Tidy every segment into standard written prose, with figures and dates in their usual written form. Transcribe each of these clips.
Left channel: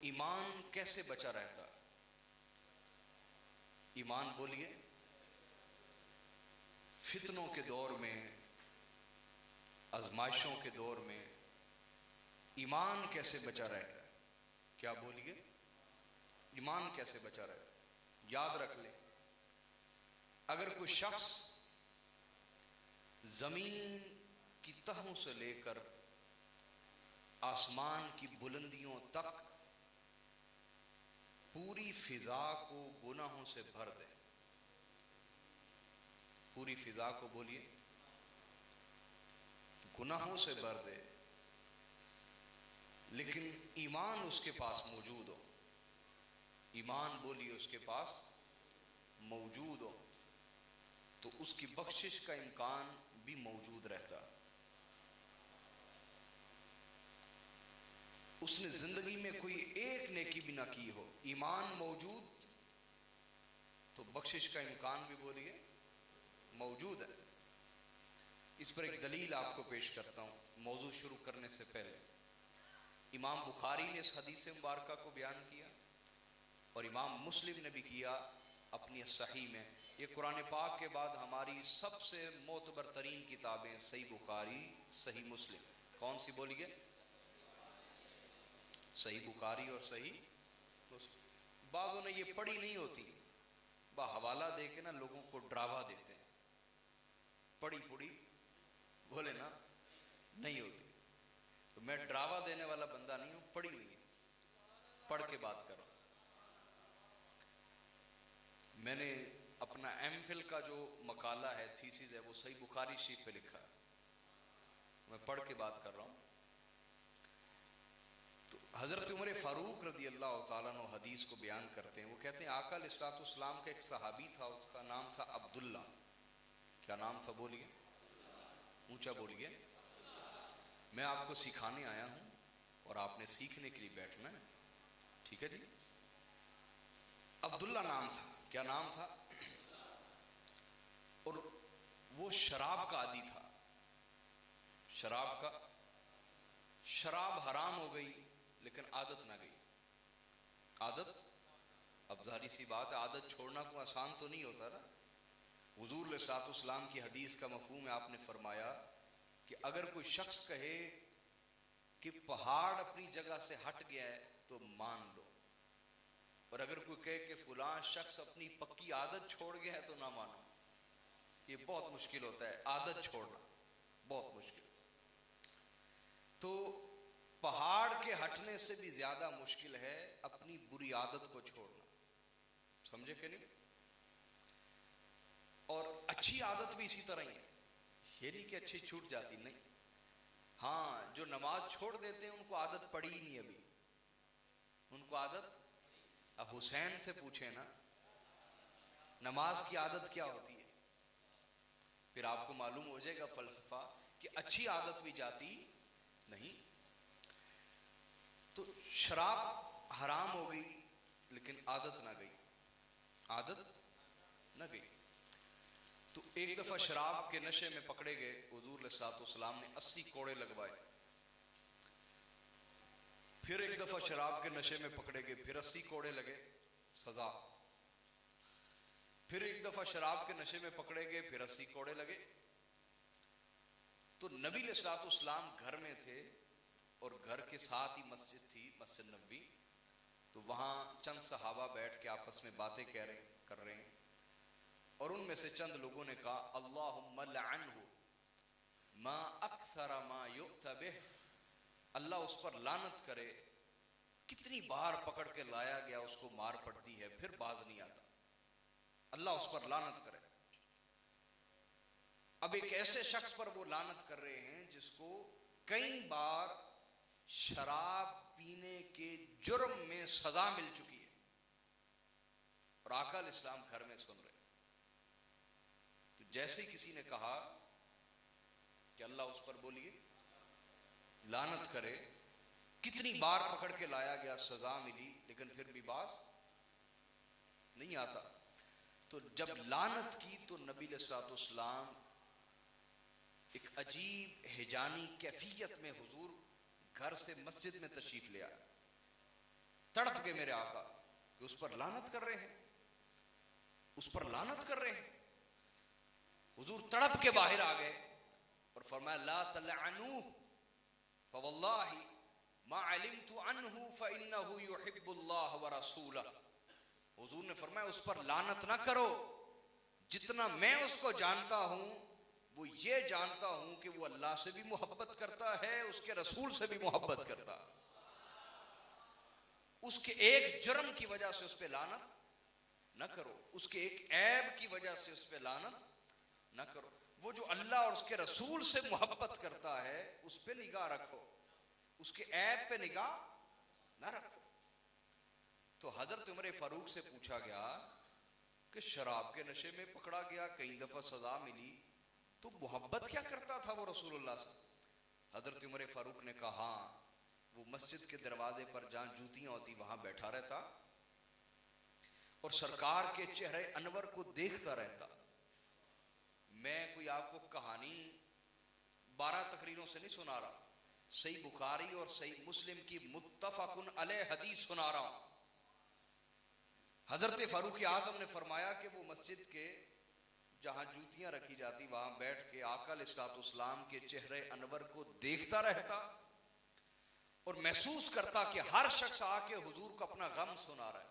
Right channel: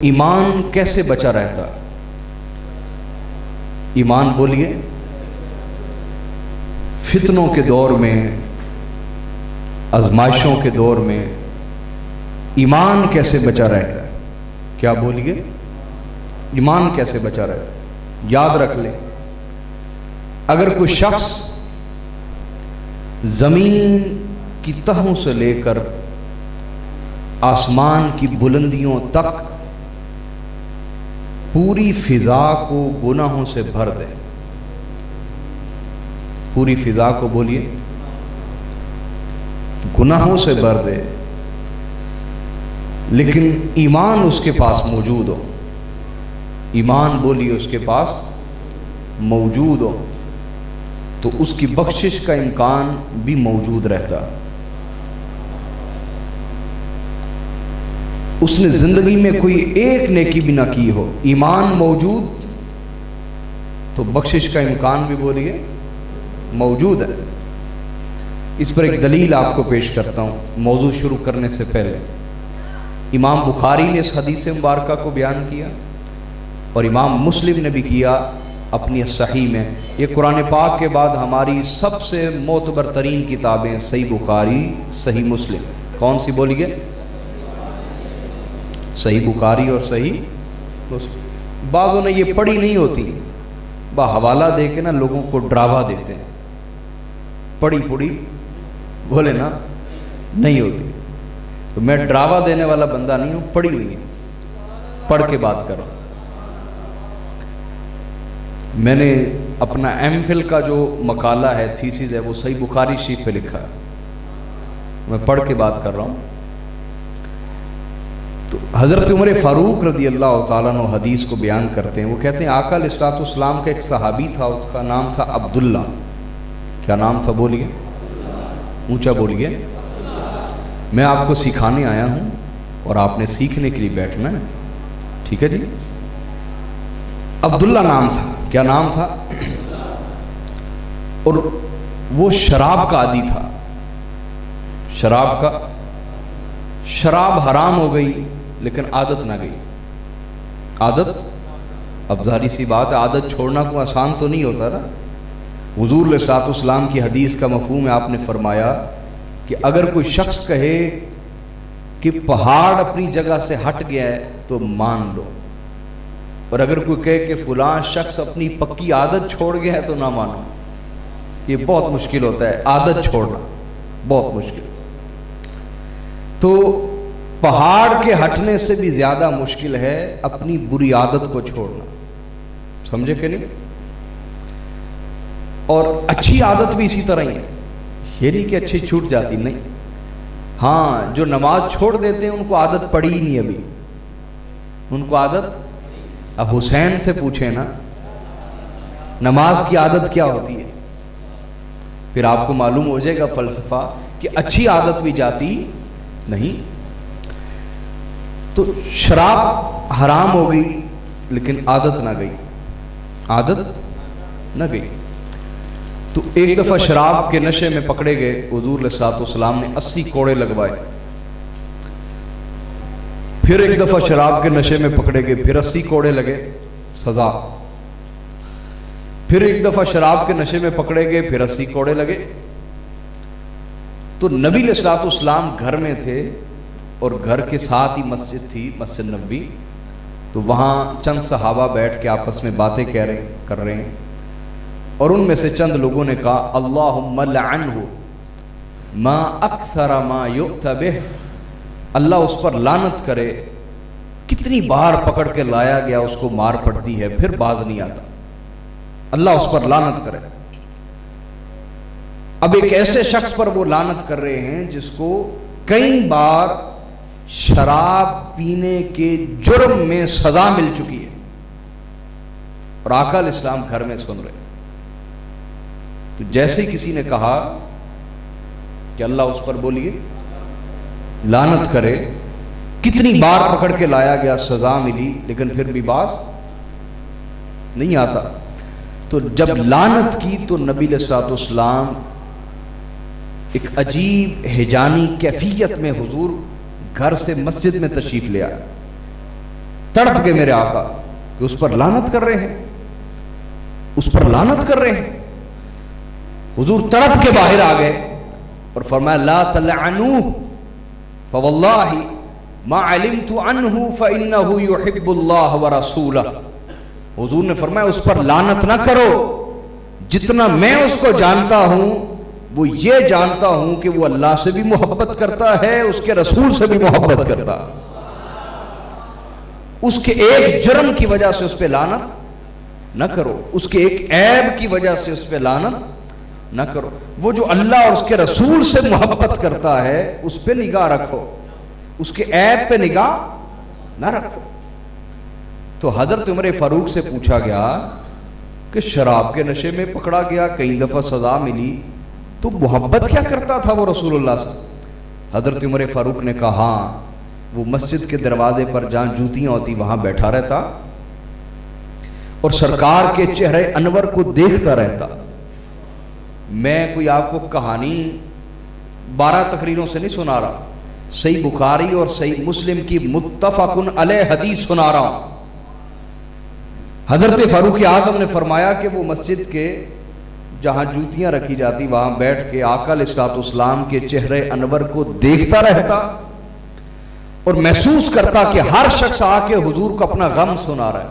ایمان کیسے بچا رہتا؟ ایمان بولیے، فتنوں کے دور میں، آزمائشوں کے دور میں ایمان کیسے بچا رہتا ہے؟ کیا بولیے؟ ایمان کیسے بچا رہتا ہے؟ یاد رکھ لیں، اگر کوئی شخص زمین کی تہوں سے لے کر آسمان کی بلندیوں تک پوری فضا کو گناہوں سے بھر دے، پوری فضا کو بولیے گناہوں سے بھر دے، لیکن ایمان اس کے پاس موجود ہو، ایمان بولیے اس کے پاس موجود ہو، تو اس کی بخشش کا امکان بھی موجود رہتا۔ اس نے زندگی میں کوئی ایک نیکی بھی نہ کی ہو، ایمان موجود تو بخشش کا امکان بھی بولیے موجود ہے۔ اس پر ایک دلیل آپ کو پیش کرتا ہوں موضوع شروع کرنے سے پہلے۔ امام بخاری نے اس حدیث مبارکہ کو بیان کیا اور امام مسلم نے بھی کیا اپنی صحیح میں۔ یہ قرآن پاک کے بعد ہماری سب سے معتبر ترین کتابیں صحیح بخاری، صحیح مسلم۔ کون سی بولیے؟ صحیح بخاری اور صحیح مسلم۔ بعضوں نے یہ پڑھی نہیں ہوتی، حوالہ دے کے نا لوگوں کو ڈراوا دیتے ہیں، پڑھی پڑھی بولے نا نہیں ہوتی، تو میں ڈراوا دینے والا بندہ نہیں ہوں، پڑھی ہوئی ہے، پڑھ کے بات کر رہا ہوں۔ میں نے اپنا ایم فل کا جو مقالہ ہے، تھیسس ہے، وہ صحیح بخاری شریف پہ لکھا ہے، میں پڑھ کے بات کر رہا ہوں۔ تو حضرت عمر فاروق رضی اللہ تعالیٰ عنہ حدیث کو بیان کرتے ہیں، وہ کہتے ہیں آقا علیہ الصلوۃ والسلام کا ایک صحابی تھا، اس کا نام تھا عبداللہ۔ کیا نام تھا بولیے؟ اونچا بولیے۔ میں آپ کو سکھانے آیا ہوں اور آپ نے سیکھنے کے لیے بیٹھنا ہے، ٹھیک ہے جی؟ عبداللہ نام تھا۔ کیا نام تھا؟ اور وہ شراب کا عادی تھا، شراب حرام ہو گئی لیکن عادت نہ گئی۔ عادت، اب ظاہری سی بات ہے، عادت چھوڑنا کوئی آسان تو نہیں ہوتا نا۔ حضور علیہ الصلوۃ والسلام کی حدیث کا مفہوم ہے، آپ نے فرمایا کہ اگر کوئی شخص کہے کہ پہاڑ اپنی جگہ سے ہٹ گیا ہے تو مان لو، اور اگر کوئی کہے کہ فلاں شخص اپنی پکی عادت چھوڑ گیا ہے تو نہ مانو۔ یہ بہت مشکل ہوتا ہے، عادت چھوڑنا بہت مشکل۔ تو پہاڑ کے ہٹنے سے بھی زیادہ مشکل ہے اپنی بری عادت کو چھوڑنا، سمجھے کہ نہیں؟ اور اچھی عادت بھی اسی طرح ہی ہے، یہ نہیں کہ اچھی چھوٹ جاتی، نہیں۔ ہاں، جو نماز چھوڑ دیتے ہیں ان کو عادت پڑی ہی نہیں، ابھی ان کو عادت، اب حسین سے پوچھیں نا نماز کی عادت کیا ہوتی ہے، پھر آپ کو معلوم ہو جائے گا فلسفہ کہ اچھی عادت بھی جاتی نہیں۔ تو شراب حرام ہو گئی لیکن عادت نہ گئی، عادت نہ گئی۔ تو ایک دفعہ شراب کے نشے میں پکڑے گئے، حضور علیہ الصلوۃ والسلام نے 80 کوڑے لگوائے۔ پھر ایک دفعہ شراب کے نشے میں پکڑے گئے، پھر 80 کوڑے لگے، سزا۔ پھر ایک دفعہ شراب کے نشے میں پکڑے گئے، پھر 80 کوڑے لگے۔ تو نبی علیہ الصلوۃ والسلام گھر میں تھے اور گھر کے ساتھ ہی مسجد تھی، مسجد نبوی، تو وہاں چند صحابہ بیٹھ کے آپس میں باتیں کر رہے ہیں، اور ان میں سے چند لوگوں نے کہا اللہم لعنہ ما اکثر ما یؤتی بہ، اللہ اس پر لعنت کرے، کتنی بار پکڑ کے لایا گیا اس کو مار پڑتی ہے پھر باز نہیں آتا، اللہ اس پر لعنت کرے۔ اب ایک ایسے شخص پر وہ لعنت کر رہے ہیں جس کو کئی بار شراب پینے کے جرم میں سزا مل چکی ہے، اور آقا علیہ السلام گھر میں سن رہے ہیں۔ تو جیسے کسی نے کہا کہ اللہ اس پر بولیے لعنت کرے، کتنی بار پکڑ کے لایا گیا، سزا ملی، لیکن پھر بھی باز نہیں آتا۔ تو جب لعنت کی تو نبی علیہ الصلوۃ والسلام ایک عجیب ہیجانی کیفیت میں حضور گھر سے مسجد میں تشریف لے آئے، तड़प के मेरे आका कि उस पर लानत कर रहे हैं, उस पर लानत कर रहे हैं। हुजूर तड़प के बाहर आ गए और फरमाया ला तलअनू फवल्लाहि मा अलिमतु अन्हु फइन्नहु युहिब्बुल्लाह व रसूलह। हुजूर ने फरमाया उस पर लानत ना करो, जितना मैं उसको जानता हूं वो ये जानता हूं कि वो अल्लाह से भी मोहब्बत करता है, उसके रसूल से भी मोहब्बत करता है। उसके एक जुर्म की वजह से उस पर लानत न करो, उसके एक ऐब की वजह से उस पर लानत न करो। वो जो अल्लाह और उसके रसूल से मोहब्बत करता है उस पर निगाह रखो, उसके ऐब पे निगाह न रखो। तो हजरत उमर फारूक से पूछा गया कि शराब के नशे में पकड़ा गया, कई दफा सजा मिली, तो मोहब्बत क्या करता था वो रसूलुल्लाह से? हजरत उमर फारूक ने कहा वो मस्जिद के दरवाजे पर जहां जूतियां होती वहां बैठा रहता और सरकार के चेहरे अनवर को देखता रहता। मैं कोई आपको कहानी 12 तकरीरों से नहीं सुना रहा, सही बुखारी और सही मुस्लिम की मुत्तफकुन अलैह हदीस सुना रहा हूं। हजरत फारूक आजम ने फरमाया कि वो मस्जिद के जहां जूतियां रखी जाती वहां बैठ के आका अलैहिस्सलाम के चेहरे अनवर को देखता रहता और महसूस करता कि हर शख्स आके हुजूर को अपना गम सुना रहा है,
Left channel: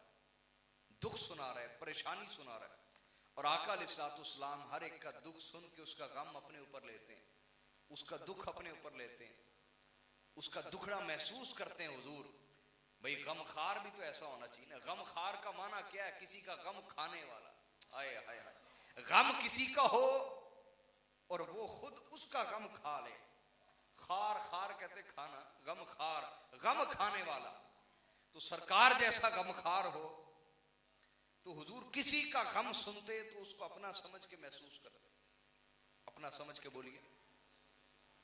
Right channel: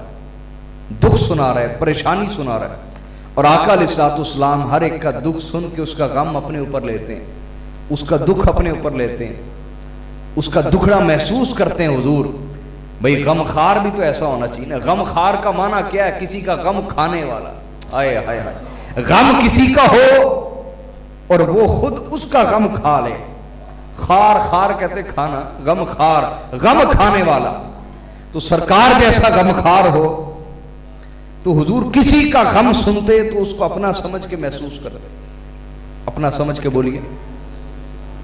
दुख सुना रहा है, परेशानी सुना रहा है। और आका अलैहिस्सलाम हर एक का दुख सुन के उसका गम अपने ऊपर लेते हैं, उसका दुख अपने ऊपर लेते हैं, उसका दुखड़ा महसूस करते हैं। हुजूर भाई गमखार भी तो ऐसा होना चाहिए ना। गमखार का माना क्या है? किसी का गम खाने वाला। आए हाय हाय, गम किसी का हो और वो खुद उसका गम खा ले। खार खार कहते खाना, गम खार, गम खाने वाला। तो सरकार जैसा गमखार हो तो हुजूर किसी का गम सुनते तो उसको अपना समझ के महसूस करते, अपना समझ के बोलिए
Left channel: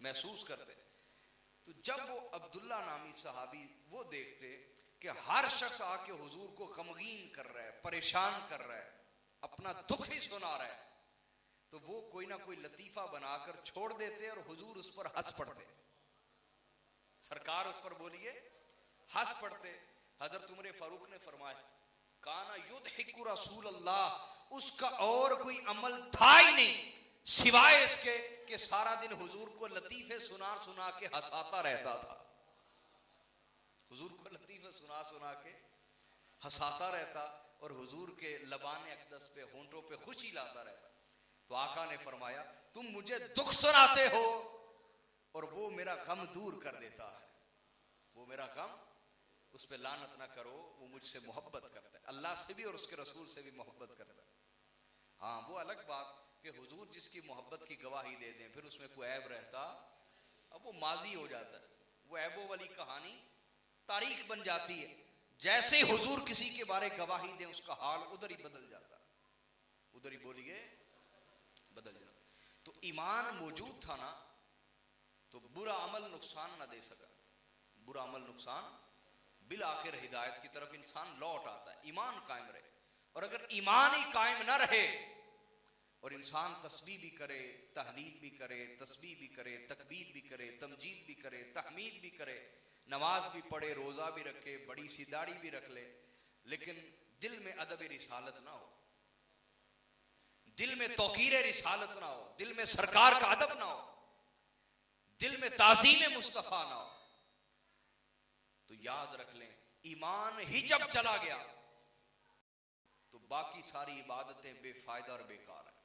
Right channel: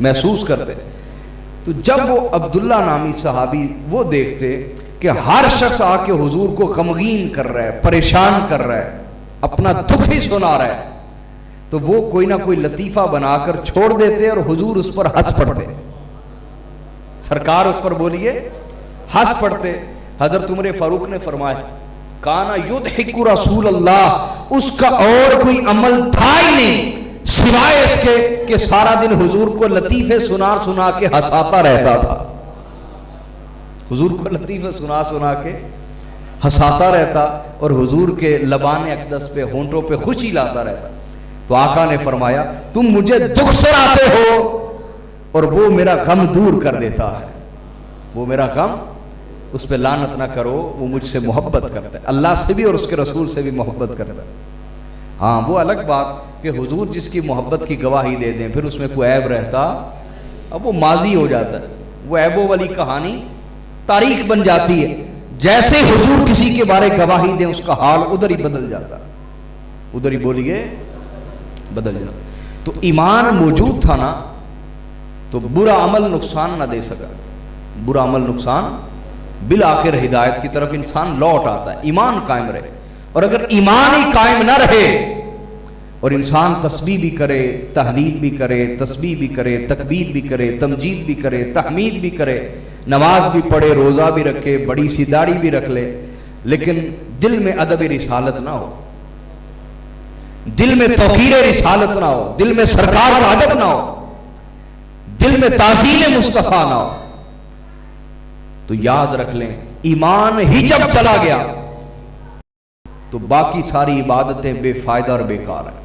महसूस करते। तो जब वो अब्दुल्ला नामी सहाबी वो देखते कि हर शख्स आके हुजूर को गमगीन कर रहा है, परेशान कर रहा है, अपना दुख ही सुना रहा है, तो वो कोई ना कोई लतीफा बनाकर छोड़ देते और हुजूर उस पर हंस पड़ते, सरकार उस पर बोलिए हंस पड़ते। हजरत उमर फारूक ने फरमाया काना युदहिकु रसूल अल्लाह, उसका और कोई अमल था ही नहीं सिवाय इसके कि सारा दिन हुजूर को लतीफे सुना सुना के हंसाता रहता था। हुजूर को लतीफे सुना सुना के हंसाता रहता और हुजूर के लबान अक़दस पे, होंठों पे खुशी लाता रहता। तो आका ने फरमाया तुम मुझे दुख सुनाते हो और वो मेरा गम दूर कर देता है, वो मेरा गम, उस पर लानत ना करो, वो मुझसे मोहब्बत करता है, अल्लाह से भी और उसके रसूल से भी मोहब्बत करता है। हाँ वो अलग बात कि हुजूर जिसकी मोहब्बत की गवाही दे दें फिर उसमें कोई ऐब रहता, अब वो माजी हो जाता है, वो ऐबों वाली कहानी तारीख बन जाती है। जैसे हुजूर किसी के बारे गवाही दें उसका हाल उधर ही बदल जाता, उधर ही बोलिए बदल जाता। तो ईमान मौजूद था ना तो बुरा अमल नुकसान ना दे सका, बुरा अमल नुकसान, बिल आखिर हिदायत की तरफ इंसान लौट आता है, ईमान कायम रहे। और अगर ईमान ही कायम ना रहे और इंसान तस्बीह भी करे, तहलील भी करे, तस्बीह भी करे, तकबीर भी करे, तमजीद भी करे, तहमीद भी करे, नमाज भी पढ़े, रोजा भी रखे, बड़ी सी दाढ़ी भी रख ले, लेकिन दिल में अदब रिसालत ना हो, दिल में तौकीर रिसालत ना हो, दिल में सरकार का अदब ना हो, दिल में ताज़ीम मुस्तफा ना हो, तो याद रख लें ईमान ही जब चला गया तो बाकी सारी इबादतें बेफायदा और बेकार है।